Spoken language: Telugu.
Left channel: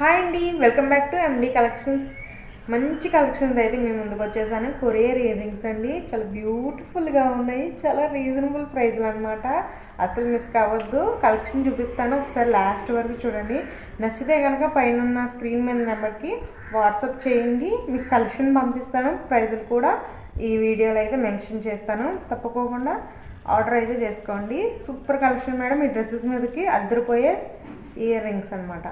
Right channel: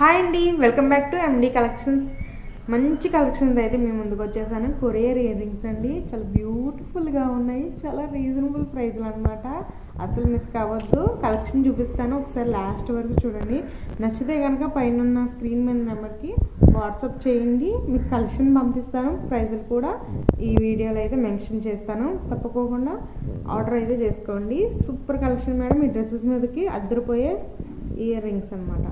హాయ్ అండి, welcome back to MD collections. మంచి కలెక్షన్స్ అయితే మేము ముందుకు వచ్చేసాను. కొరియర్ ఇయర్ రింగ్స్ అండి, చాలా బ్యూటిఫుల్గా ఉన్నాయి, చాలా రీజనబుల్ ప్రైస్లు అనమాట. అసలు మిస్ కావద్దు. కలెక్షన్ చూపిస్తాను, ఒకసారి లాస్ట్ వరకు చూడండి. నచ్చితే కనుక పైన ఉన్న స్క్రీన్ మీద నెంబర్కి వాట్సాప్ చేయండి, మీకు కలెక్షన్ పంపిస్తాను. ప్రైజులు కూడా ఈ వీడియోలో అయితే మెన్షన్ చేస్తాను, తప్పకోకుండా ఆర్డర్ అయితే చేసుకోండి. Super collection madam. ఈ డ్రెస్సెస్ మీదకి అద్దరిపోయే ఇయర్ రింగ్స్ అనమాట.